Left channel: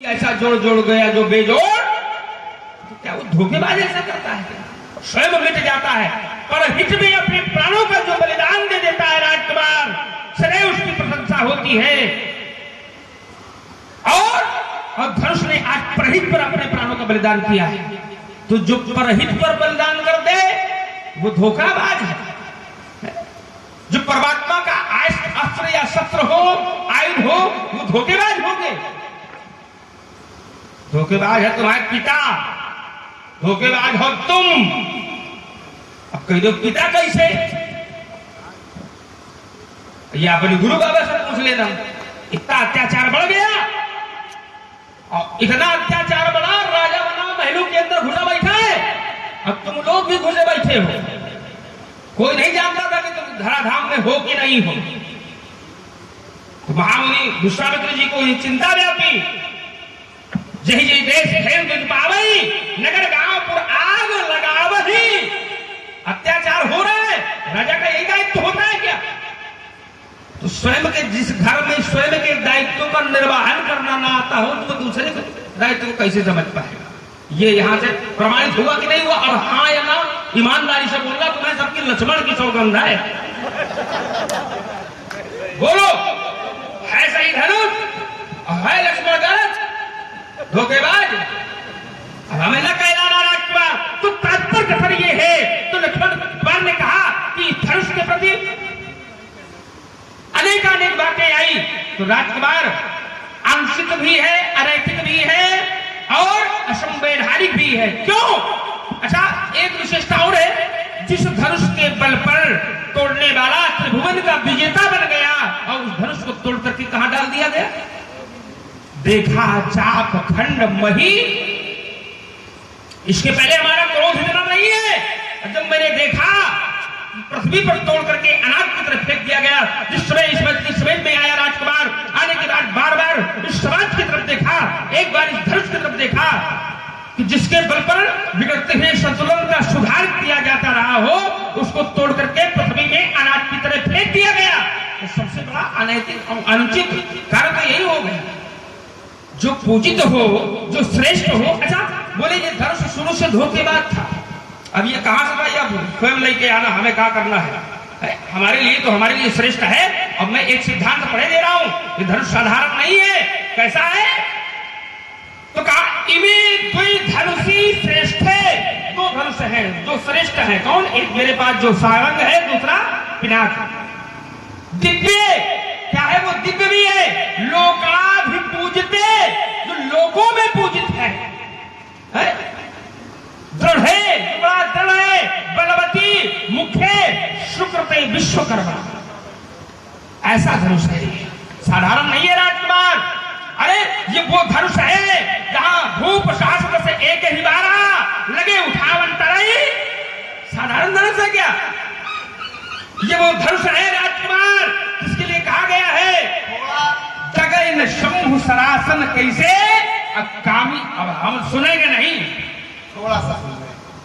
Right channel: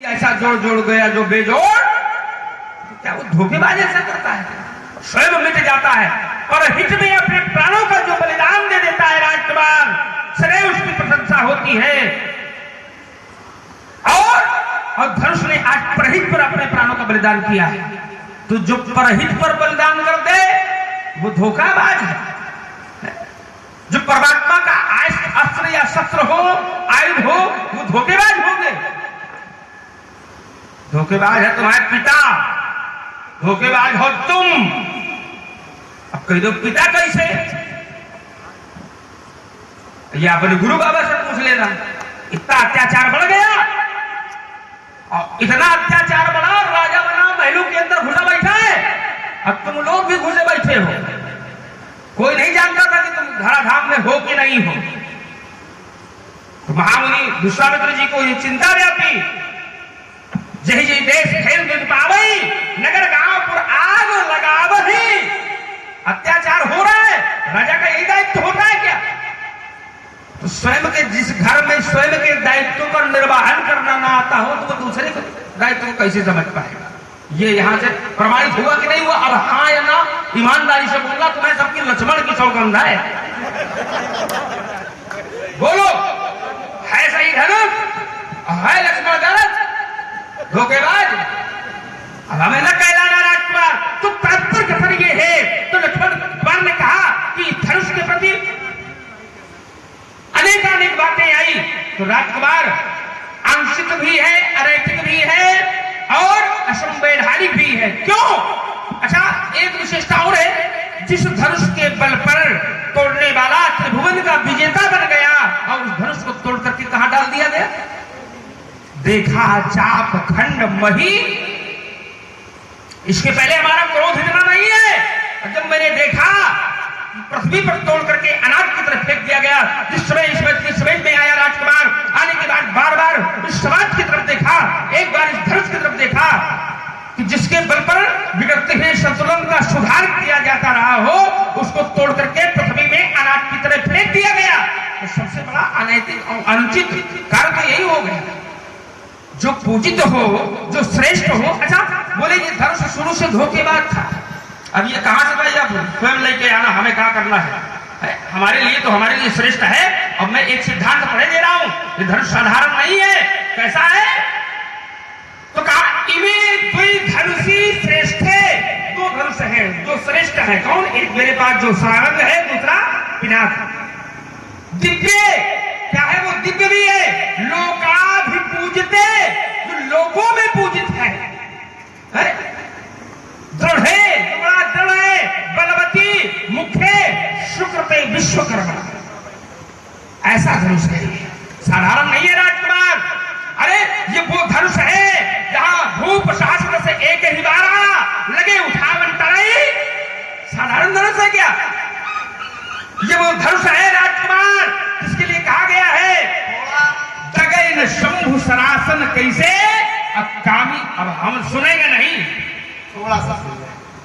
ऐसा जोड़ जोड़ गया जो बेजोड़, तो क्या वो धोखेबाज ऐसा करता है? स्वयं मिट जाता है, पर हित में अपने प्राणों का जो बलिदान दे देता है राजकुमार, सदैव उसकी प्रशंसा होती है। और धनुष ने आज परहित पर अपने प्राणों का बलिदान किया है, तो जो परहित पर बलिदान कर दे वो धोखाबाज है। जो परमात्मा का अस्त्र या शस्त्र हो, आयुध हो, वो धोखेबाज हो गए। धोखेबाज है तुम्हारे पिता, धोखेबाज हो तुम। अब कह दो पिता कैसे? या अपने गुरु बाबा से पूछ लेना। इतना अत्याचार बढ़ गया, और इतना अत्याचार बढ़ा और राजा बना, महलों के अंदर घुसा बैठा है। अब तुम लोग भी घुसे बैठे हो, कोई नहीं जानता था कि तुम धराधाम में हो कि नहीं हो। तो महामुनि विश्वामित्र जी को ये चिंता व्यापी, जय जय देश खेल तुझ पावई, नगर गांव पुर आग लगावही। अत्याचार हो रहा है, राजा का यही दायित्व होता है क्या? तो स्वयं के जिस घर में स्वयं के दायित्व का निर्वहन करना ना आता हो, तो वो दूसरे को दायित्व को कैसे समझ पाएगा? ये यहाँ से प्रमाणित हुआ कि नहीं हुआ? अब हाँ या ना ईमानदारी से बोलना, तुम्हें सबकी लक्ष्मण की सौगंध है। बोलो, है सही धनुष, है लक्ष्मण गलत, धोखेबाज? अब हमें न कहलाना राजकुमार, तो तात्पर्य कथन ये है। तो लक्ष्मण कुमार ने कहा कि धनुष के प्रति अनेक बातें आई, तो राजकुमार आंशिक भी है, अनैतिक भी है और असंवैधानिक भी है। क्यों? अच्छा, एक विशेषता और है, जिस धनुष के बल पर तोड़ने वाला त्रिभुवन का विजेता बन गया, और उस धनुष को तोड़ करके कहां डाल दिया गया? देखा चाप खंड मही। इसके पहले हमारा क्रोध इतना नहीं है। जब मैंने देखा पृथ्वी पर तोड़ करके अनाज की तरफ फेंक दिया गया, जिस समय इस समझ में आया राजकुमार, आने के बाद बार बार इस समाज की तरफ देखा, एक बार इस धनुष की तरफ देखा कि जिसके बल पर बिगड़ते हुए संतुलन का सुधार किया जाता रहा हो, उसको तोड़ करके पृथ्वी में अनाज की तरफ फेंक दिया गया। तो सबसे बड़ा अनैतिक और अनुचित कार्य तो यही हो गया। जो पूजित हो, जो श्रेष्ठ हो। अच्छा, बोले ये धनुष शुरू से धोखेबाज था, अब ये कहां से भाई आप स्वयं लेके आना, हमें क्या करना है? हमारे लिए तो हमारे लिए श्रेष्ठ है। अब मैं एक सिद्धांत पढ़े दे रहा हूं, ये धनुष साधारण नहीं है। कैसा है? तो कहा इमे द्वि धनुषी श्रेष्ठ है। दो धनुष है जो श्रेष्ठ है। कौन? एक मेरे पास जो सारंग है, दूसरा पिनाक। दिव्य, क्या है वो? दिव्य भी है। लोकाभिपूजिते, जो लोगों में पूजित है। दृढ़ है, बड़ा दृढ़ है, बलवती, मुख्य, शुक्रते विश्वकर्मा। ऐसा धनुष है, साधारण नहीं है राजकुमार। अरे ये वो धनुष है जहां धूप शास्त्र से एक ही बारा लगे उठावन तरई। साधारण धनुष है क्या? ये वो धनुष है राजकुमार, जिसके लिए कहा गया है दगैन शंभु सरासन कैसे। अब कामी, अब हम सुनेंगे नहीं, थोड़ा सा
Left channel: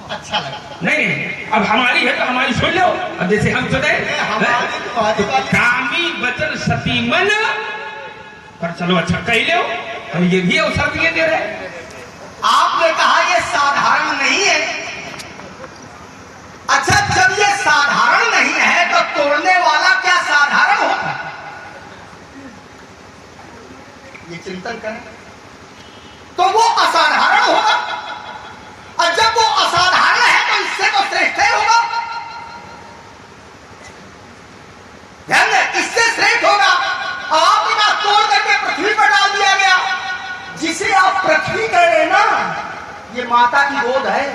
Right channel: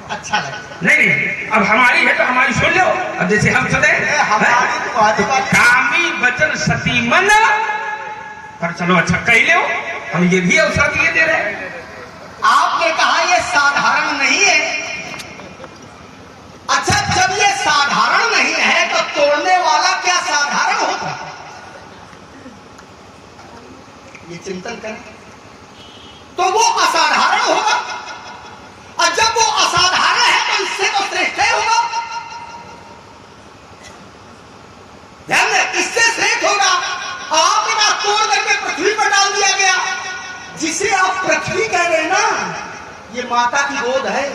अच्छा लगा। नहीं, अब हमारी है तो हमारी सुन लो। अब जैसे हम सुने तो कामी वचन सती मन, पर चलो अच्छा कह लो, हम ये भी अवसर दिए दे रहे हैं। आपने कहा ये साधारण नहीं है। अच्छा, जब ये साधारण नहीं है तो तोड़ने वाला क्या साधारण होता? ये चिंतन करें तो वो असाधारण होगा, और जब वो असाधारण है तो इससे तो श्रेष्ठ ही होगा। ध्यान में, इससे श्रेष्ठ होगा। आपने कहा तोड़ करके पृथ्वी पर डाल दिया गया। जिसे आप पृथ्वी कह रहे हैं ना, ये माता की गोद है।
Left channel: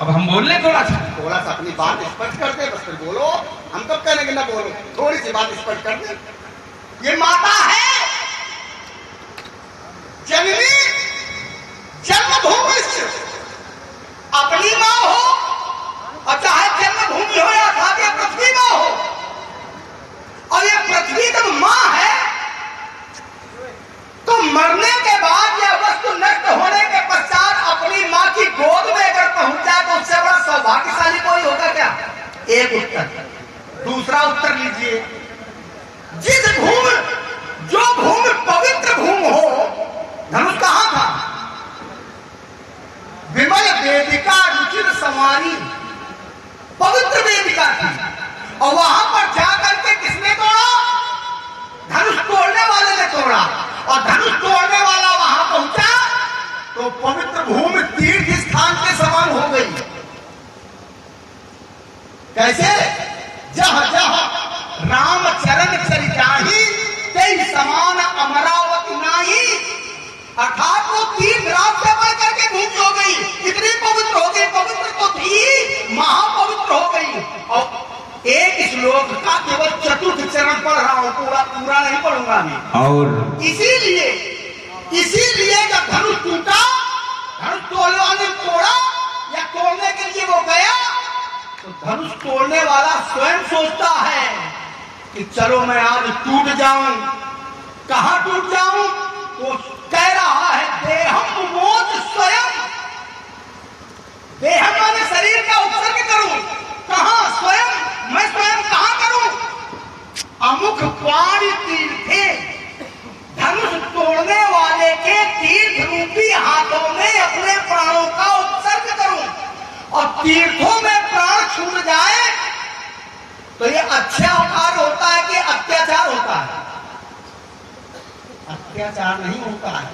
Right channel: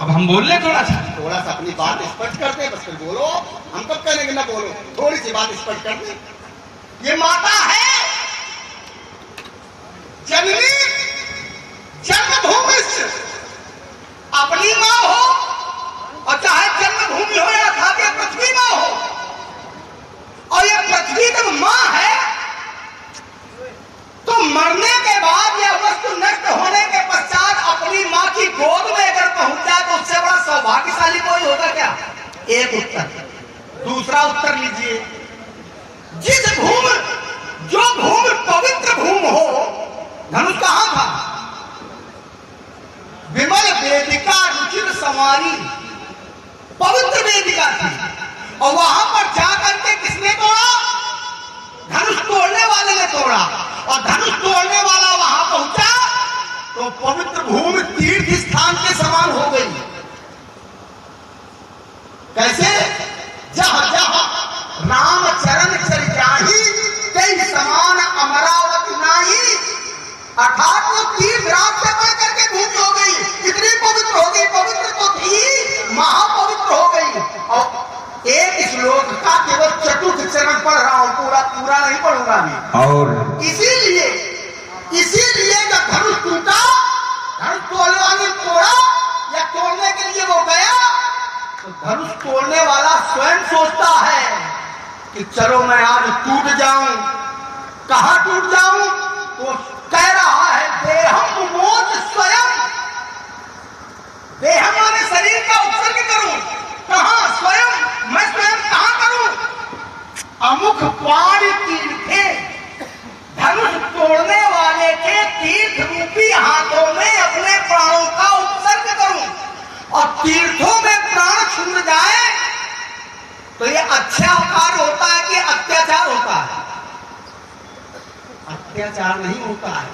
अब हम बोल ले थोड़ा सा अपनी बात स्पष्ट कर दे, बस फिर बोलो। हम कब कहने ना बोलो, थोड़ी सी बात स्पष्ट कर दे। ये माता है, जननी, जन्मभूमि, अपनी माँ हो, और चाहे जन्मभूमि हो या खाके पृथ्वी माँ हो, और ये पृथ्वी जब माँ है तो मरने के बाद या वस्तु नष्ट होने के पश्चात अपनी माँ की गोद में अगर पहुंच जाए तो उससे बड़ा सौभाग्यशाली कोई होगा क्या? एक उत्तर। दूसरा उत्तर लीजिए, जिस भूमि, जो भूमि पवित्र भूमि हो, धनुष कहां था? विमल वेदिका रुचिर संवारी, पवित्र वेदिका थी, और वहां पर जाकर के किसने तोड़ा? धनुष तोड़ने वाले ने तोड़ा। और धनुष तोड़ने वाला वहां पहुंचा तो पवित्र भूमि तीर्थ स्थान के समान हो गई। कैसे? जहां जहां राम चरण चल जाही, कई समान अमरावती नाही। अर्थात वो तीर्थ रात से बढ़ करके भूमि हो गई, इतनी पवित्र हो गई। पवित्र तो थी, महापवित्र हो गई। और एक श्लोक का केवल चतुर्थ चरण पढ़ रहा हूं, पूरा नहीं पढ़ूंगा मैं। और इसीलिए जब धनुष टूटा, धनुष तोड़ने तोड़ा या तोड़ने के लिए वो गया, तो धनुष तोड़ने वाला स्वयं सोचता है कि चलो मैं आज टूट जाऊं। कहां टूट जाऊं? तो कह रहा है देहम मोच स्वयं। देह माने शरीर का उत्सर्ग करूं। कहां? स्वयं। मैं स्वयं कहां करूं? अमुख पाणी तीर्थे, धनुष तोड़ने वाले के तीर्थ रूपी हाथों में अपने प्राणों का उत्सर्ग करूं। और तीर्थों में प्राण छूट जाए तो ये अच्छा कार्य होता है कि अत्याचार होता है? अत्याचार नहीं होता है।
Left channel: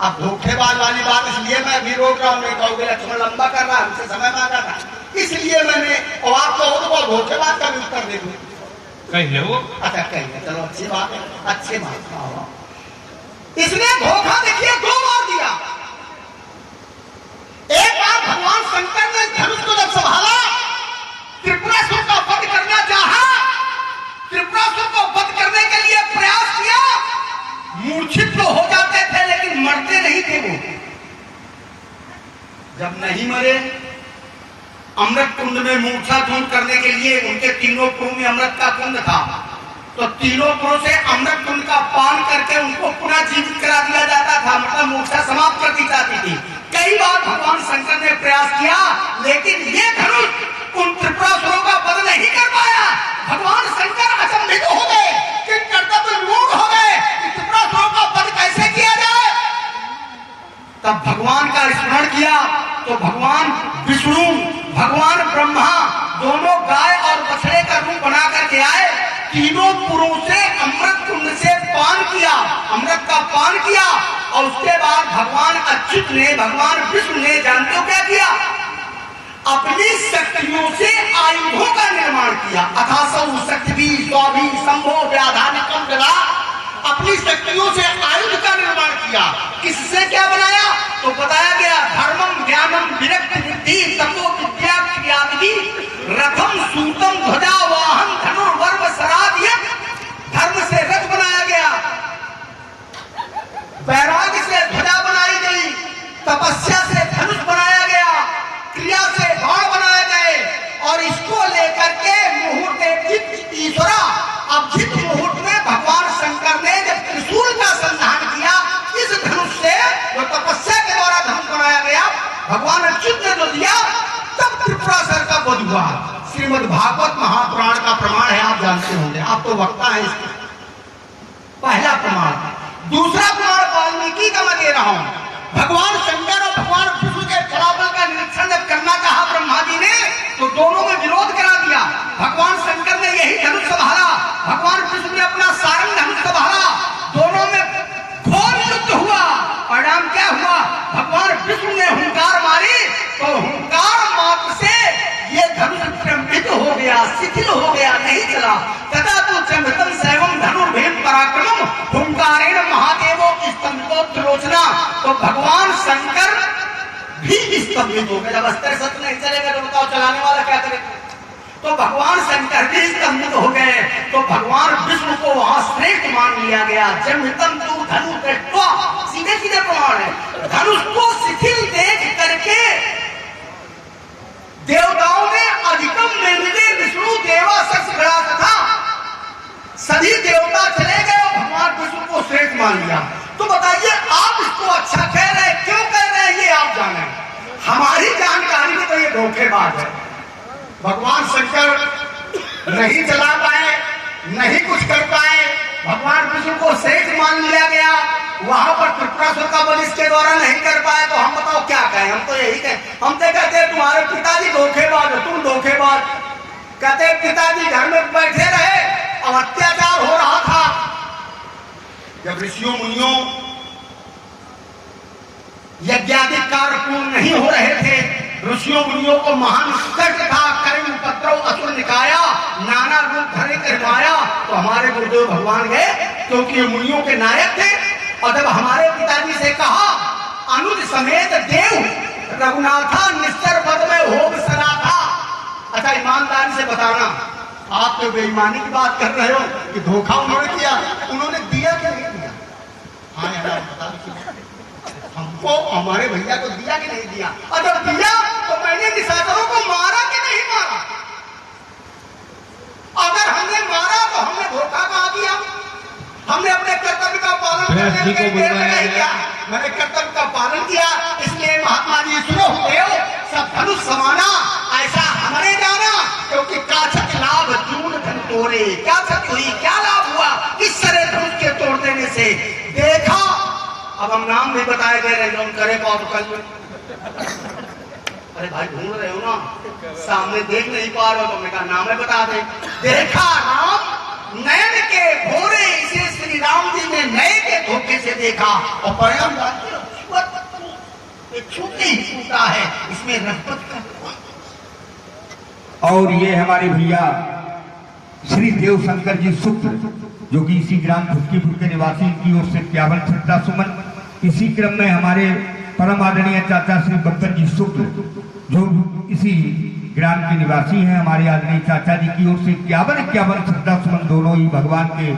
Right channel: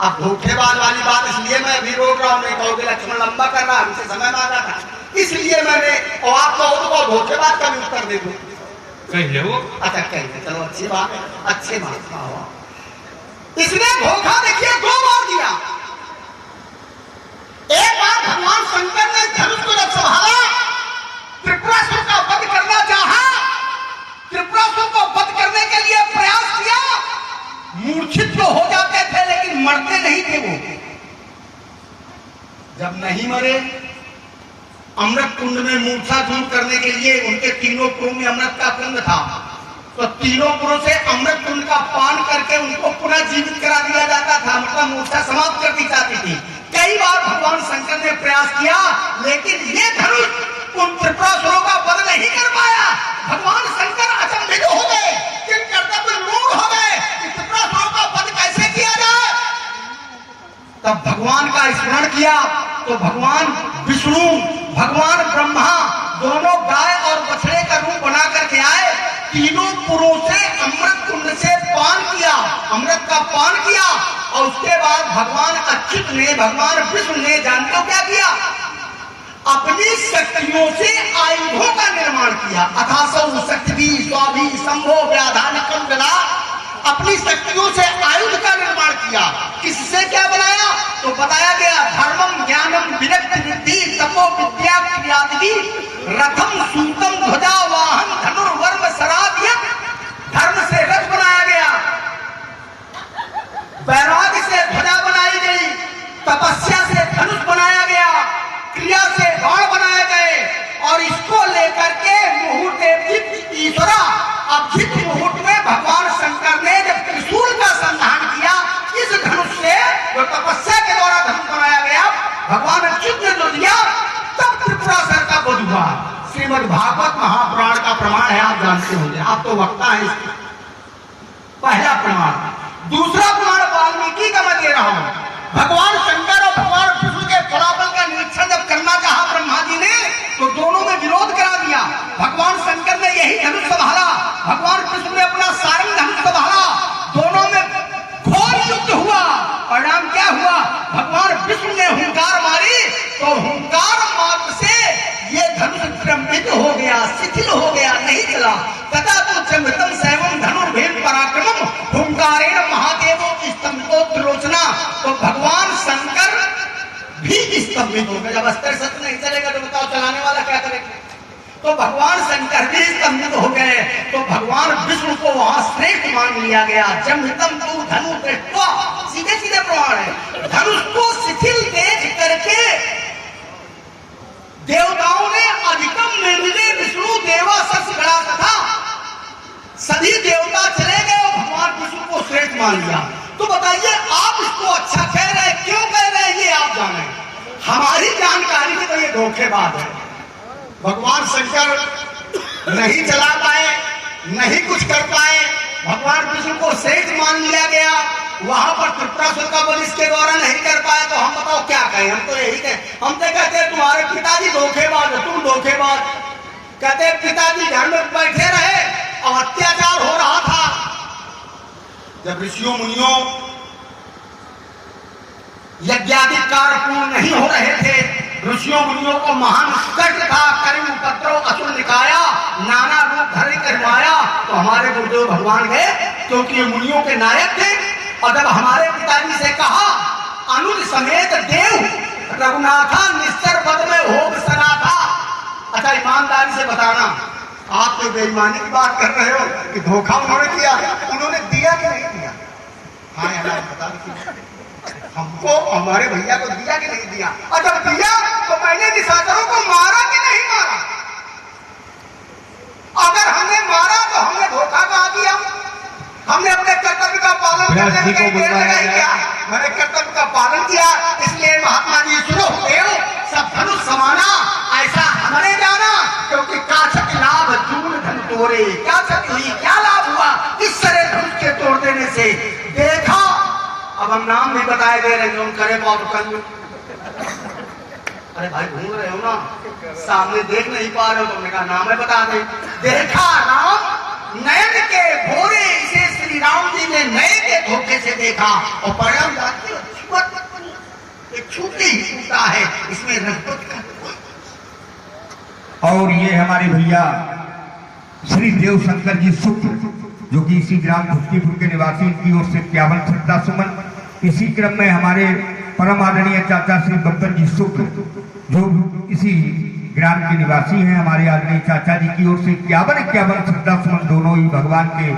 अब धोखेबाज वाली बात इसलिए मैं अभी रोक रहा हूं, नहीं कहोगे लक्ष्मण लंबा कर रहा है, हमसे समय मांगा था, इसलिए मैंने, और आप कहो तो धोखेबाज का भी उत्तर दे दूं। कहिए वो। अच्छा कहिए, चलो अच्छी बात है, अच्छी बात हुआ। इसने धोखा देखिए 2 बार दिया। एक बार भगवान शंकर ने धनुष को जब संभाला, त्रिपुरासुर का वध करना चाहा, त्रिपुरासुर को वध करने के लिए प्रयास किया, मूर्छित तो हो जाते थे लेकिन मरते नहीं थे वो। जब नहीं मरे, अमृत कुंड में मूर्छा दूर करने के लिए उनके तीनों पुरों में अमृत का कुंड था, तो तीनों पुरों से अमृत कुंड का पान करके उनको पुनः जीवित करा दिया जाता था, मतलब मूर्छा समाप्त कर दी जाती थी। कई बार भगवान शंकर ने प्रयास किया, लेकिन ये धनुष उन त्रिपुरासुरों का वध नहीं कर पाया। भगवान शंकर अचंभित हो गए, कि कर्तव्य मूढ़ हो गए कि त्रिपुरासुरों का वध कैसे किया जाए। तब भगवान का स्मरण किया तो भगवान विष्णु, भगवान ब्रह्मा दोनों गाय और बछड़े का रूप बना करके आए, तीनों पुरों से अमृत कुंड से पान किया, अमृत का पान किया, और उसके बाद भगवान अच्युत ने, भगवान विष्णु ने जानते क्या किया? अपनी शक्तियों से आयुधों का निर्माण किया। अथासौ शक्ति स्वाभी संभो व्याधानिकम गदा, अपनी शक्तियों से आयुध का निर्माण किया। किससे क्या बनाया? तो बताया गया धर्मम ज्ञानम विरक्ति वृद्धि तपो विद्या क्रियादि रथम सूतम ध्वजा वाहन धनुर्वर्म सराध्य। धर्म से रथ बनाया गया, वैराग्य से ध्वजा बनाई गई, तपस्या से धनुष बनाया गया, क्रिया से बाण बनाए गए, और इसको लेकर के मुहूर्त ईश्वरा। अब जिस मुहूर्त में भगवान शंकर ने जब त्रिशूल का संधान किया इस धनुष से, जो तपस्या के द्वारा धनुष बनाया गया, भगवान अच्युत ने जो दिया, तब त्रिपुरासुर का वध हुआ। श्रीमद् भागवत महापुराण का प्रमाण है, आप जानते होंगे, आप तो वक्ता है इसका। पहला प्रमाण। दूसरा प्रमाण वाल्मीकि का मैं दे रहा हूं। भगवान शंकर और भगवान विष्णु के फलाफल का निरीक्षण जब करना चाहा ब्रह्मा जी ने, तो दोनों में विरोध करा दिया। भगवान शंकर ने यही धनुष संभाला, भगवान विष्णु ने अपना सारंग धनुष संभाला, दोनों में घोर युद्ध हुआ। परिणाम क्या हुआ? भगवान विष्णु ने हुंकार मारी, तो हुंकार मात्र से ये धनुष भ्रमित हो गया, शिथिल हो गया, नहीं चला। तथा तो चंद्रतम सैवम धनुर्भेद पराक्रमम हुंकारेण महादेवो स्तंभो त्रिलोचना। तो भगवान शंकर भी स्तंभित हो गए। जब अस्त्र शस्त्र नहीं चलेगा तो बताओ चलाने वाला क्या करेगा? तो भगवान शंकर भी स्तंभित हो गए। तो भगवान विष्णु को वहां श्रेष्ठ मान लिया गया। जन्मतम तू धनु दृष्ट्वा, सीधे सीधे प्रमाण है। धनुष को शिथिल देख करके देवताओं ने अधिकम मेरुदे विष्णु देवा सच खड़ा था, सभी देवता चले गए और भगवान विष्णु को श्रेष्ठ मान लिया। तो बताइए आप इसको अच्छा कह रहे हैं, क्यों कह रहे हैं ये आप जाने। हमारी जानकारी में तो ये धोखेबाज है। भगवान शंकर नहीं चला पाए, नहीं कुछ कर पाए, भगवान विष्णु को शेष मान लिया गया, वहां पर त्रिपुरासुर का वध इसके द्वारा नहीं कर पाए, तो हम बताओ क्या कहें? हम तो यही कहें, हम तो कहते हैं तुम्हारे पिताजी धोखेबाज हो, तुम धोखेबाज। कहते पिताजी घर में बैठे रहे और अत्याचार हो रहा था। जब ऋषियों मुनियों यज्ञादि कार्य पूर्ण नहीं हो रहे थे, ऋषियों मुनियों को महान कष्ट था, कर्म उपद्रव असुर निकाया, नाना रूप धरे करवाया, तो हमारे गुरुदेव भगवान गए, क्योंकि ये मुनियों के नायक थे। और जब हमारे पिताजी से कहा अनुज समेत देव रघुनाथा निश्चर पद में हो सरा था। अच्छा ईमानदारी से बताना, आप तो बेईमानी की बात कर रहे हो कि धोखा उन्होंने दिया, उन्होंने दिया कि नहीं दिया? हाँ यार बता दीजिए, हमको हमारे भैया को दिया कि नहीं दिया? और जब दिया तो मैंने निशाचरों को मारा कि नहीं मारा? अगर हमने मारा तो हमने धोखा कहा दिया? हमने अपने कर्तव्य का पालन करने के लिए नहीं किया, मैंने कर्तव्य का पालन किया। इसलिए महात्मा जी सुनो देव सब धनुष समाना ऐसा हमने जाना, क्योंकि काछक लाभ चूर्ण धन तोड़े। क्या क्षति हुई, क्या लाभ हुआ इस तरह धनुष के तोड़ देने से? देखा, अब हम नाम भी बताए गए रहे, हम करे बहुत कर। अरे भाई ढूंढ रहे हो ना, सामने देख नहीं पा रहे हो, तुमने कहा नाम है बता दे। देखा राम नयन के भोरे, इसे श्री राम जी ने नए के धोखे से देखा और परिणाम छूटे ही छूटा है, इसमें रजपत का कोई। और ये हमारे भैया श्री देव शंकर जी शुक्ल, जो कि इसी ग्राम भुटकीपुर के निवासी की ओर से 51 श्रद्धा सुमन। इसी क्रम में हमारे परम आदरणीय चाचा श्री बब्बर जी शुक्ल, जो इसी ग्राम के निवासी हैं, हमारे आदरणीय चाचा जी की ओर से 51 श्रद्धा सुमन दोनों ही भगवान के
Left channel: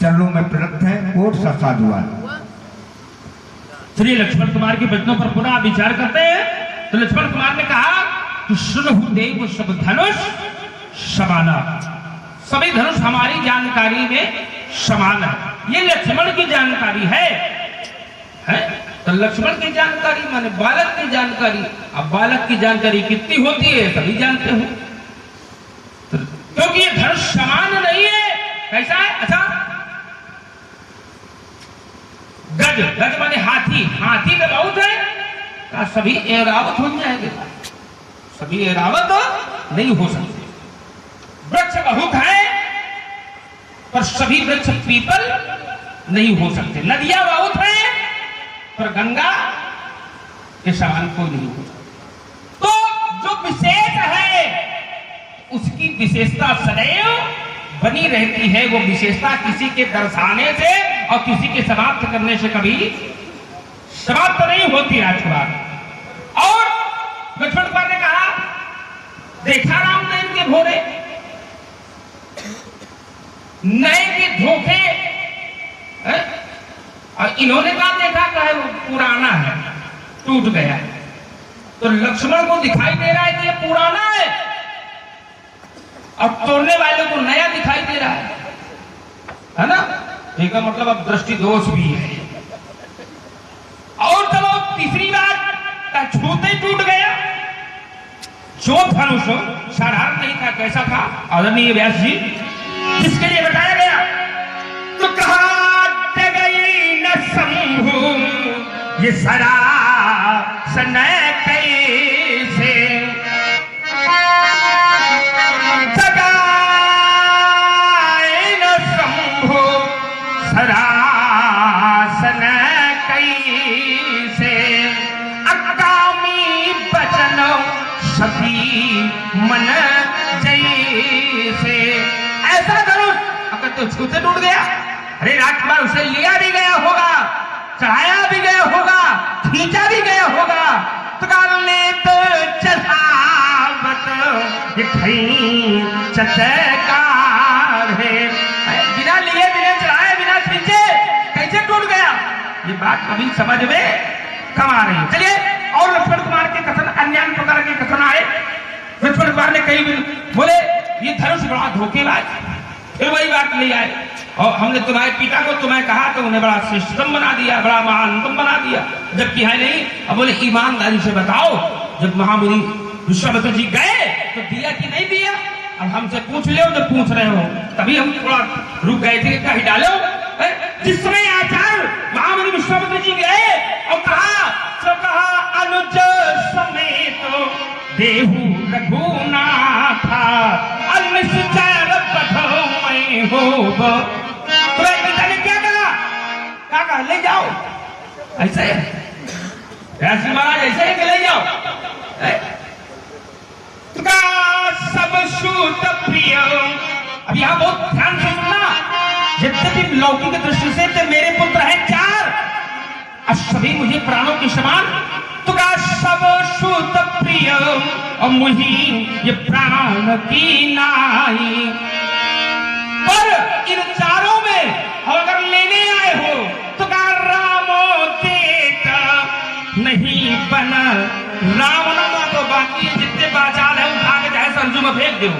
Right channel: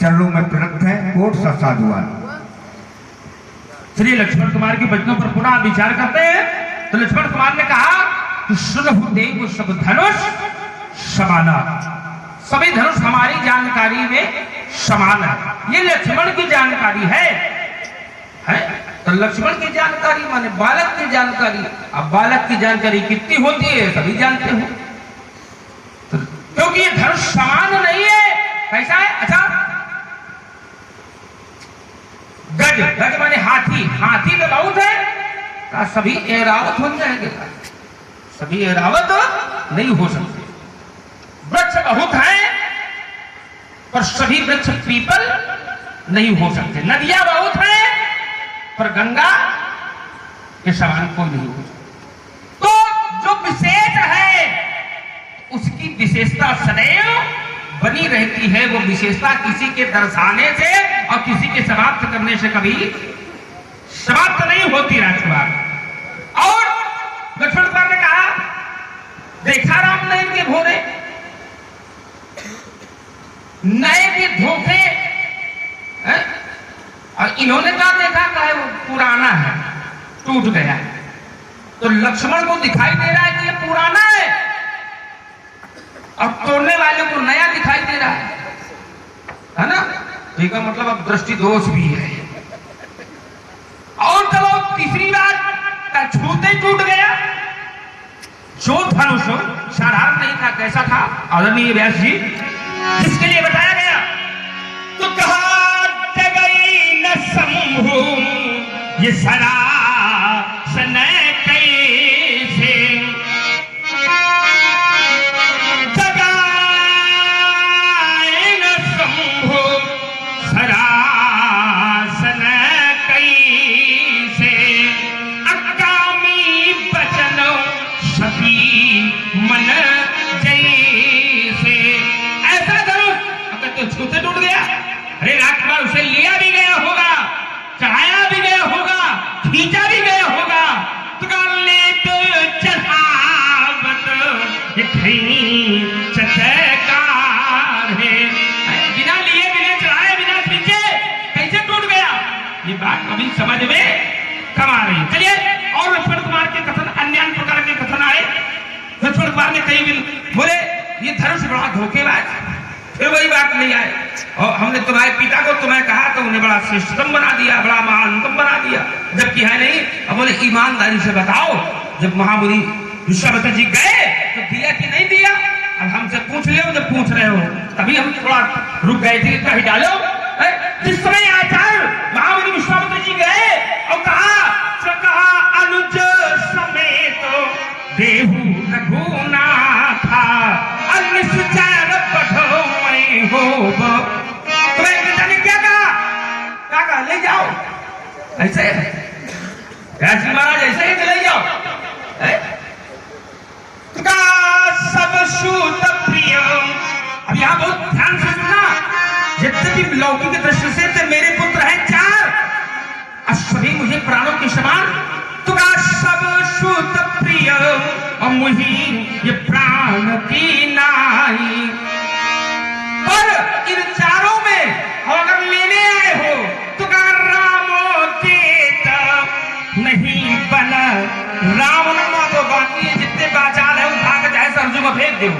चरणों में प्रणत है। कोट सा साधुवाद। श्री लक्ष्मण कुमार के वचनों पर पुनः विचार करते हैं। तो लक्ष्मण कुमार ने कहा कि सुनहु देव सब धनुष समाना, सभी धनुष हमारी जानकारी में समान है। ये लक्ष्मण की जानकारी है? तो लक्ष्मण की जानकारी माने बालक की जानकारी। अब बालक की जानकारी कितनी होती है सभी जानते हो, क्योंकि ये धनुष समान नहीं है। कैसा है? अच्छा, गज, गज माने हाथी, हाथी का बहुत है, तो सभी एरावत हो जाएंगे? सभी एरावत नहीं हो सकते। वृक्ष बहुत है पर सभी वृक्ष पीपल नहीं हो सकते। नदियां बहुत है पर गंगा के समान कोई नहीं हो सकता। तो जो विशेष है उसकी विशेषता सदैव बनी रहती है। वो विशेषता किसी के दर्शाने से और किसी के समाप्त करने से कभी समाप्त नहीं होती राजकुमार। और लक्ष्मण कुमार ने कहा देखा राम नए के भोरे, नए के धोखे, और इन्होंने कहा देखा है वो पुराना है, टूट गया। तो लक्ष्मण को दिखाई दे रहा है कि ये पुराना है और तोड़ने वाले को नया दिखाई दे रहा है ना? इसका मतलब अब दृष्टि दोष भी है। और तब वो तीसरी बार छूते टूट गया। जो धनुष साधारण नहीं था, कैसा था आदरणीय व्यास जी, जिसके लिए बताया गया। तो कहा शंभु ये सरा सन कैसे जगाए न शंभु सरा सन कैसे अकामी बचन सभी मन जैसे। ऐसा करो अगर तो छूते टूट गया। अरे राजकुमार उसे लिया भी गया होगा, चढ़ाया भी गया होगा, खींचा भी गया होगा, तो कर ले तो चढ़ावत चटकार है। बिना लिए, बिना चढ़ाए, बिना खींचे कैसे टूट गया? ये बात अभी समझ में कम आ रही है। चलिए, और लक्ष्मण कुमार के कथन, अन्य प्रकार के कथन आए। लक्ष्मण कुमार ने कई बोले ये धनुष बड़ा धोखेबाज, फिर वही बात नहीं आए। और हमने तुम्हारे पिता को तुम्हें कहा तो उन्हें बड़ा श्रेष्ठतम बना दिया, बड़ा महानतम बना दिया, जबकि है नहीं। अब बोले ईमानदारी से बताओ, जब महामुनि विश्वामित्र जी गए तो दिया कि नहीं दिया? अब हमसे पूछ लो जो पूछ रहे हो, तभी हम थोड़ा रुक गए थे, कही डालो। जिस समय आचार्य महामुनि विश्वामित्र जी गए और कहा अनुज समेत देहु रघुनाथा अनिश्चर बधो मैं होब। तो एक पिता ने क्या कहा ले जाओ, ऐसे राजी महाराज ऐसे ही ले जाओ। सब सूत प्रिय, अब यहाँ बहुत ध्यान से सुनना, यद्यपि लौकिक दृष्टि से तो मेरे पुत्र हैं 4 और सभी मुझे प्राणों के समान, तो सब सूत प्रिय और मुझी ये प्राण की नाई। पर इन 4 में अगर लेने आए हो तो रामो देता नहीं बना, रावण को बाकी जितने बाचाल है उठा के चाहे सरजू में फेंक दो।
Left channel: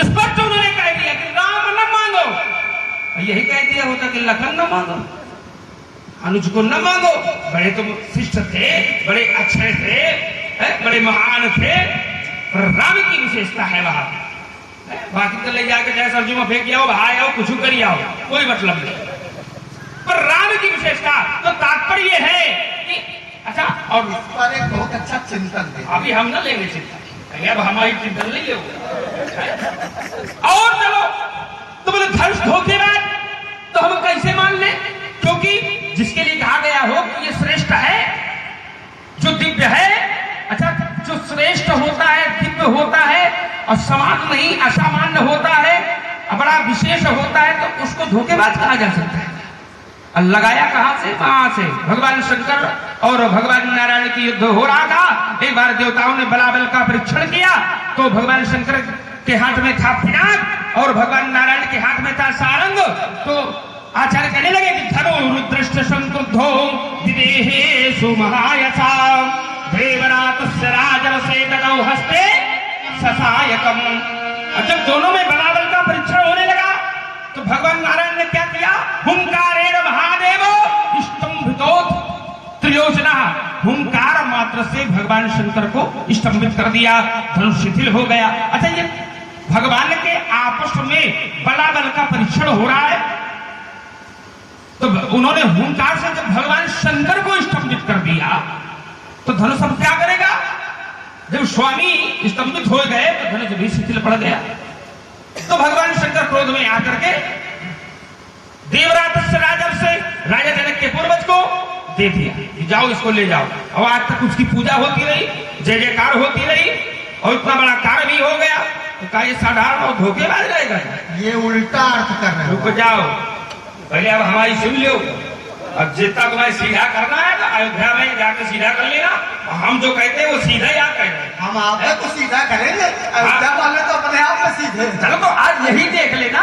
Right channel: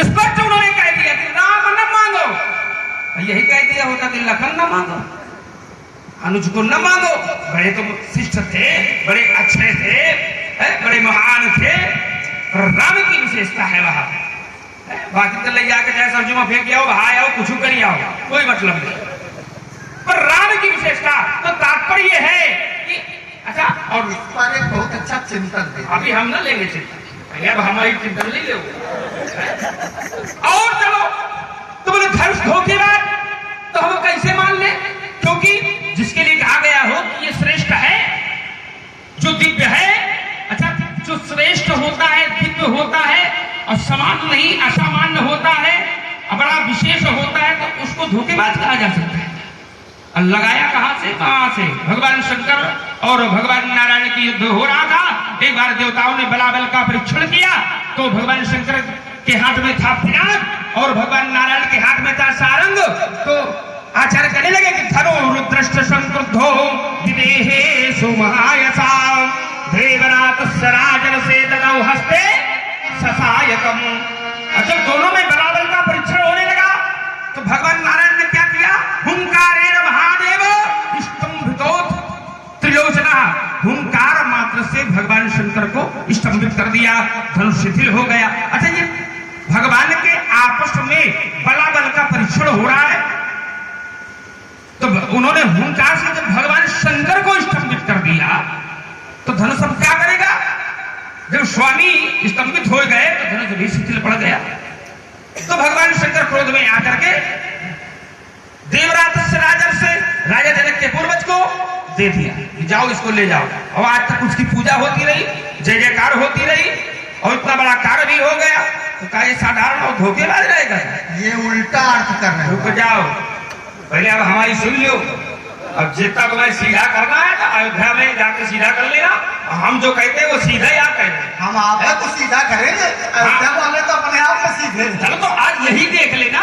इस पर तो उन्होंने कह दिया कि राम न मांगो, यही कह दिया होता कि लखन न मांगो, अनुज को न मांगो। बड़े तो शिष्ट थे, बड़े अच्छे थे, बड़े महान थे, राम की विशेषता है वहां। बाकी तो ले जाकर चाहे सरजू में फेंक आओ, बहाए आओ, कुछ करिए आओ, कोई मतलब नहीं। पर राम की विशेषता तो तात्पर्य है कि अच्छा। और पर एक बहुत अच्छा चिंतन है, अभी हम ना लेंगे चिंतन, अब हमारी चिंतन नहीं ले। और चलो तो बोले धनुष धोखेबाज, तो हम कैसे मान ले? क्योंकि जिसके लिए कहा गया हो कि ये श्रेष्ठ है, जो दिव्य है, अच्छा जो श्रेष्ठ होता है, दिव्य होता है और समान नहीं असामान्य होता है, बड़ा विशेष होता है, तो उसको धोखेबाज कहा जा सकता है। लगाया कहां से? कहां से? भगवान शंकर और भगवान नारायण की युद्ध हो रहा था। एक बार देवताओं ने बलाबल का परीक्षण किया, तो भगवान शंकर के हाथ में था पिनाक और भगवान नारायण के हाथ में था सारंग। तो आचार्य कहने लगे कि धनो रुद्रष्ट संक्रुद्धो विदेहे सुमहायसा देवरातस्य राजन से ददौ हस्ते ससायकम। जब दोनों में बलाबल का परीक्षण होने लगा तो भगवान नारायण ने क्या किया? हुंकारेण महादेव स्तंभितोत त्रिलोचना। हुंकार मात्र से भगवान शंकर को स्तंभित कर दिया, धनुष शिथिल हो गया। अच्छा, ये भगवान के आपस में बलाबल का परीक्षण हो रहा है, तो उन्होंने हुंकार से जब भगवान शंकर को स्तंभित कर दिया, तो धनुष अब क्या करेगा? जब स्वामी स्तंभित हो गए तो धनुष भी शिथिल पड़ गया। तो भगवान शंकर क्रोध में आकर के देवरातस्य राजन से राजा जनक के पूर्वज को दे दिया कि जाओ इसको ले जाओ। और आज तक उसकी पूजा होती रही, जय जयकार होती रही और इतना बड़ा कार्य भी हो गया। तो क्या ये साधारण और धोखेबाज रहेगा? ये उल्टा अर्थ कर रहे रुक जाओ, पहले अब हमारी सुन लो। अब जितना तुम्हें सीधा करना है ना, अयोध्या में जाकर सीधा कर लेना। हम जो कहते हैं वो सीधा ही आप कहेंगे, हम आपको तो सीधा करेंगे, अयोध्या वाले तो अपने आप में सीधे। चलो तो आज यही देख लेना।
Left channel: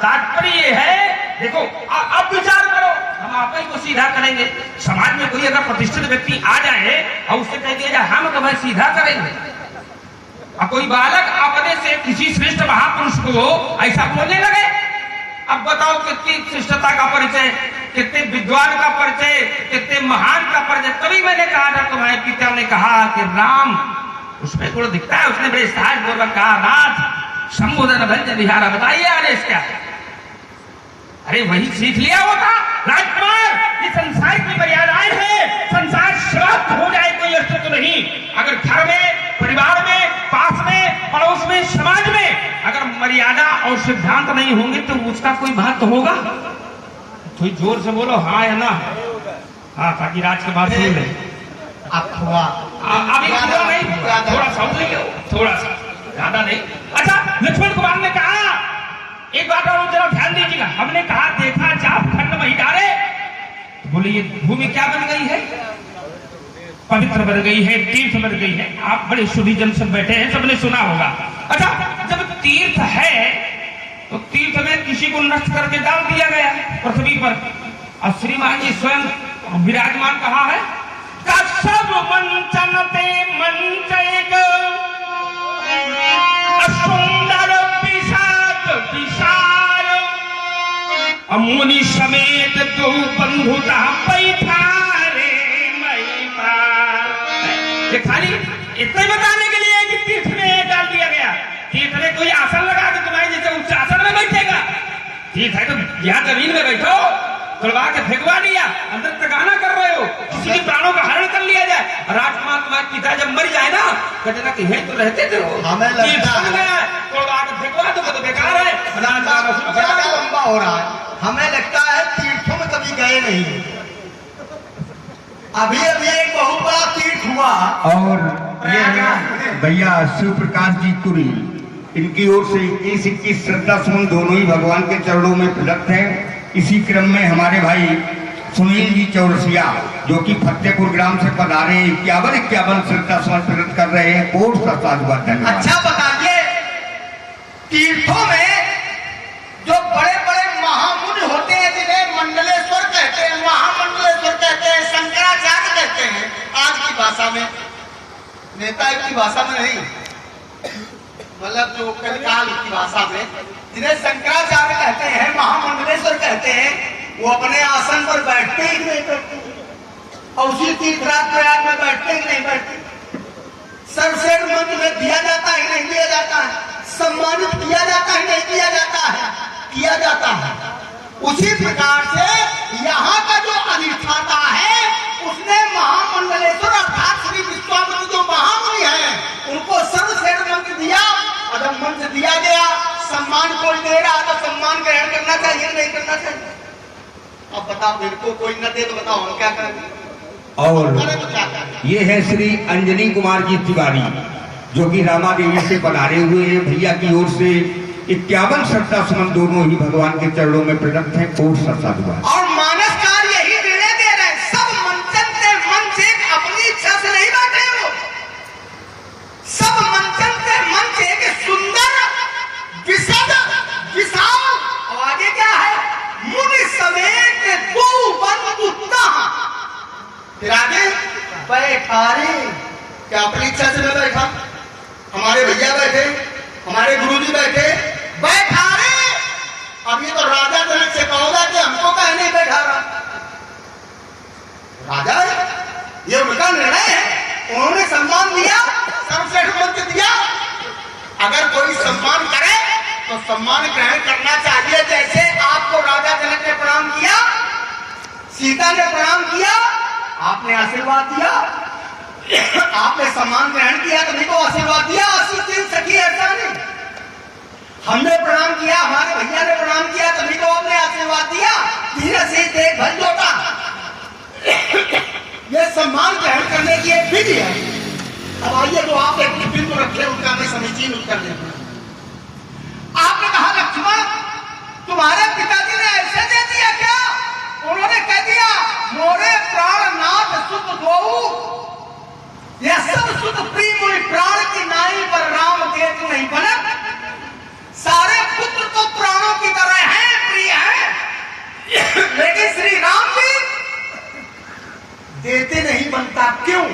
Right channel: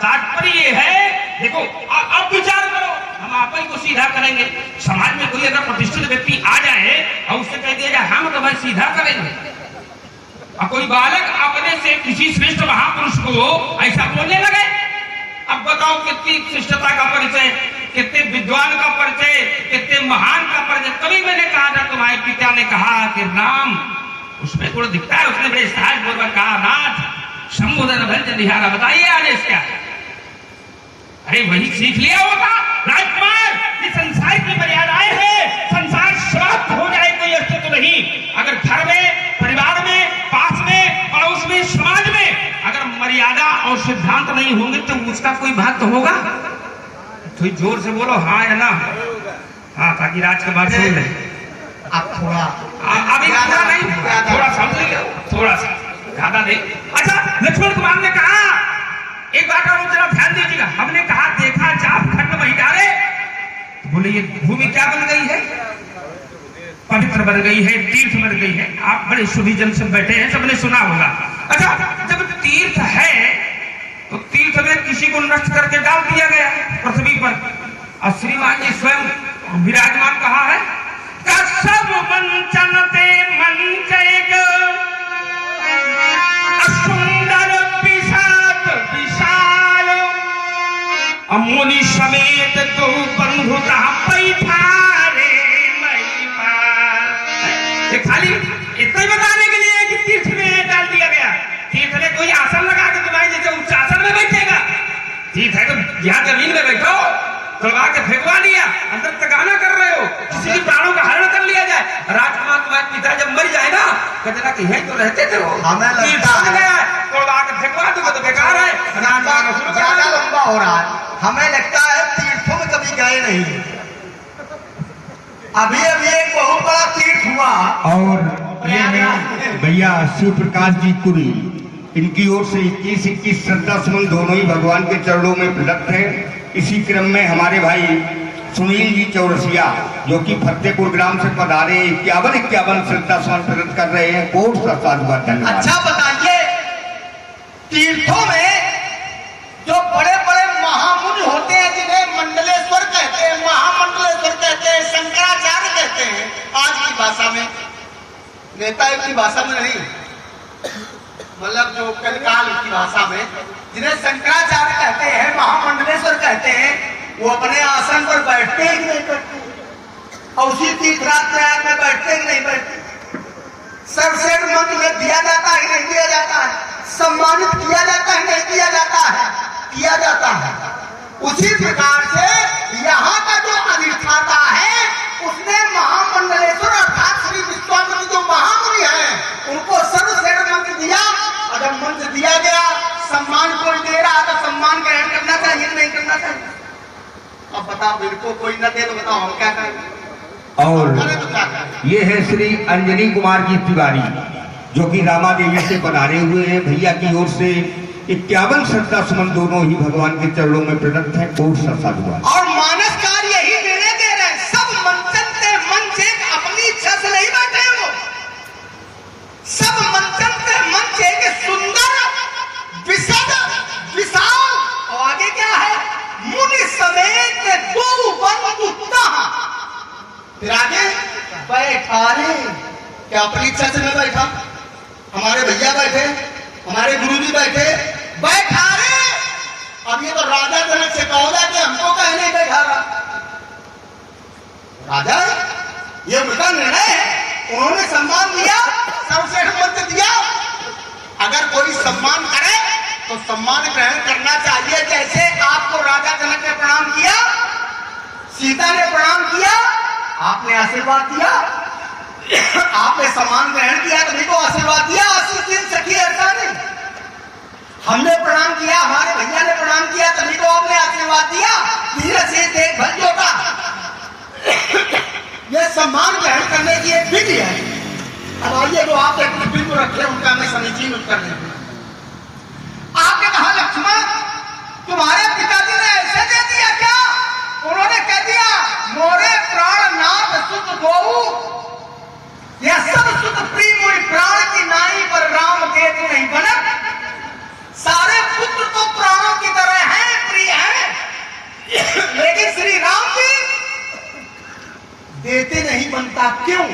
तात्पर्य ये है, देखो अब विचार करो, हम आप ही को सीधा करेंगे। समाज में कोई अगर प्रतिष्ठित व्यक्ति आ जाए और उससे कह दिया जाए हम तुम्हें सीधा करेंगे, और कोई बालक अपने से किसी श्रेष्ठ महापुरुष को ऐसा बोलने लगे, अब बताओ कितनी श्रेष्ठता का परिचय, कितने विद्वान का परिचय, कितने महान का परिचय। तभी मैंने कहा था, तुम्हारे पिता ने कहा कि राम उसमें गुण दिखता है। उसने बड़े सहज पूर्वक कहा, नाथ संबोधन भंजन निहारा, बताइए आदेश क्या है? अरे वही सीख लिया होगा राजकुमार, ये संसार की मर्यादाएं हैं, संसार समाप्त हो जाए कोई अस्तित्व नहीं। अगर घर में, परिवार में, पास में, पड़ोस में, समाज में अगर मर्यादा और सिद्धांत नहीं होंगे तो उसका कोई महत्व होगा? थोड़ी जोर से बोलो हाँ या ना, हाँ, ताकि राजकुमार सुन ले। आप थोड़ा अभी पूरा नहीं, थोड़ा समझ लीजिए, थोड़ा सा, ज्यादा नहीं। अच्छा, लक्ष्मण कुमार ने कहा एक बात और जरा ध्यान दीजिएगा। हमने कहा देखा चाप खंड वही डाले, बोले ये भूमि क्या बन गई है? पवित्र बन गई है, तीर्थ बन गई है। आप बड़े शुभी जन सब बैठे हैं, सबने सुना होगा। अच्छा, जब तीर्थ है तो तीर्थ में किसी को नष्ट करके डाल दिया गया पृथ्वी पर, और श्रीमान जी स्वयं विराजमान कहा है, सब मंचनते मंचयग सुंदर विषाद विशाल मुनि समेत तो बंधु बैठा रे मैं। खाली इतना बताने के लिए कि तीर्थ में यहाँ जमीन में बैठो, तुड़वा के फेंकवा लिया, अंदर तकाना कर रहे हो, किसी के प्राणों का हरण कर लिया जाए। राजकुमार तुम्हारे पिता जब मर जाए ना, कहते कि यहीं तो रहते थे वो, हमें लगता है तुड़वा के फेंकवा दो तो बेकार है, ज्यादा लंबा हो रहा है। हमें लगता है तीर्थों में कभी गए नहीं। अभी एक बहुत बड़ा तीर्थ हुआ और ये हैं भैया शिव प्रकाश जी पुरी, इनकी ओर से 21 श्रद्धा सुमन दोनों ही भगवान के चरणों में प्रदत्त हैं। इसी क्रम में हमारे भाई सुनील जी चौरसिया जो कि फतेहपुर ग्राम से पधारे 51 श्रद्धा सुमन प्रदत्त कर रहे हैं। कोट सा साधुवाद, धन्यवाद। अच्छा बताइए, तीर्थों में जो बड़े बड़े महामुनि होते हैं जिन्हें मंडलेश्वर कहते हैं, महामंडलेश्वर कहते हैं, शंकराचार्य कहते हैं, आज की भाषा में, नेता की भाषा में नहीं, मतलब जो कलिकाल की भाषा में, जिन्हें शंकराचार्य कहते हैं, महामंडलेश्वर कहते हैं, वो अपने आसन पर बैठते ही नहीं बैठते, और उसी तीर्थराज प्रयाग में बैठते ही नहीं बैठते। सर्वश्रेष्ठ मंत्र में दिया जाता है नहीं दिया जाता है, सम्मानित किया जाता है नहीं किया जाता है, किया जाता है। उसी प्रकार से यहाँ का जो अधिष्ठाता है उसने महामंडलेश्वर अर्थात श्री विश्वामित्र जो महामुनि है उनको सर्वश्रेष्ठ मंत्र दिया, और जब मंत्र दिया गया सम्मान कोई दे रहा तो सम्मान ग्रहण करना चाहिए नहीं करना चाहिए। अब बताओ, मेरे को कोई न दे तो बताओ हम क्या करेंगे? और ये है श्री अंजनी कुमार जी तिवारी जो कि रामा देवी से पधारे हुए हैं। भैया की ओर से 51 श्रद्धा सुमन दोनों ही भगवान के चरणों में प्रदत्त है। कोट सा साधुवाद। और मानसकार यही निर्णय दे रहे हैं, सब मंचन से मंच एक अपनी इच्छा से नहीं बैठे हो, सब मंचन से मंच एक सुंदर विशद विशाल, और आगे क्या है, मुनि समेत दो बंधुता, फिर आगे बैठारी, क्या अपनी इच्छा से नहीं बैठा, हमारे भैया बैठे, हमारे गुरुजी बैठे, बैठा रहे। अब ये तो राजा जनक से कहोगा कि हमको कहीं नहीं बैठा रहा, राजा ये उनका निर्णय है, उन्होंने सम्मान दिया, सर्वश्रेष्ठ मंत्र दिया। अगर कोई सम्मान करे तो सम्मान ग्रहण करना चाहिए। जैसे आपको राजा जनक ने प्रणाम किया, सीता ने प्रणाम किया, आपने आशीर्वाद दिया, आपने सम्मान ग्रहण किया, तभी को आशीर्वाद दिया। 80 दिन सखी ऐसा नहीं, हमने प्रणाम किया, हमारे भैया ने प्रणाम किया, तभी को आपने आशीर्वाद दिया। धीरे से देख भल जोता, ये सम्मान ग्रहण करने की एक विधि है। अब आइए जो आपने बिल्कुल रखे उनका मैं समीचीन उत्तर देते। आपने कहा लक्ष्मण तुम्हारे पिताजी ने ऐसे दे दिया क्या? उन्होंने कह दिया मोरे प्राणनाथ सुत गोहु, यह सब सुत प्रिय हुई प्राण की नाई पर राम के नहीं बना। सारे पुत्र तो प्राणों की तरह हैं, प्रिय हैं, लेकिन श्री राम भी देते नहीं बनता, क्यों?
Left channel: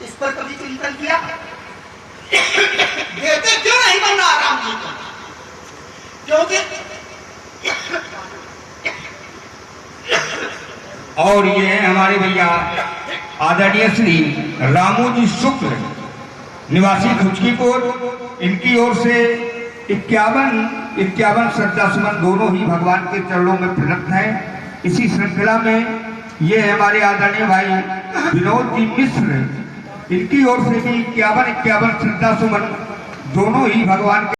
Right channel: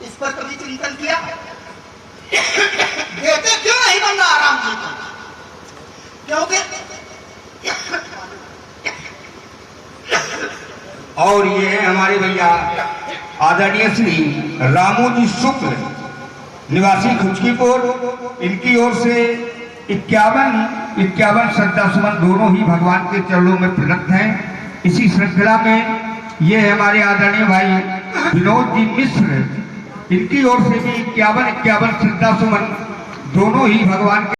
इस पर कभी चिंतन किया? देते क्यों नहीं बन रहा राम जी को? क्योंकि और ये है हमारे भैया आदरणीय श्री रामोजी शुक्ल निवासी खुचकीपुर, इनकी ओर से 51 श्रद्धा सुमन दोनों ही भगवान के चरणों में प्रदत्त हैं। इसी श्रृंखला में ये है हमारे आदरणीय भाई विनोद जी मिश्र, इनकी ओर से भी 51 श्रद्धा सुमन दोनों ही भगवान के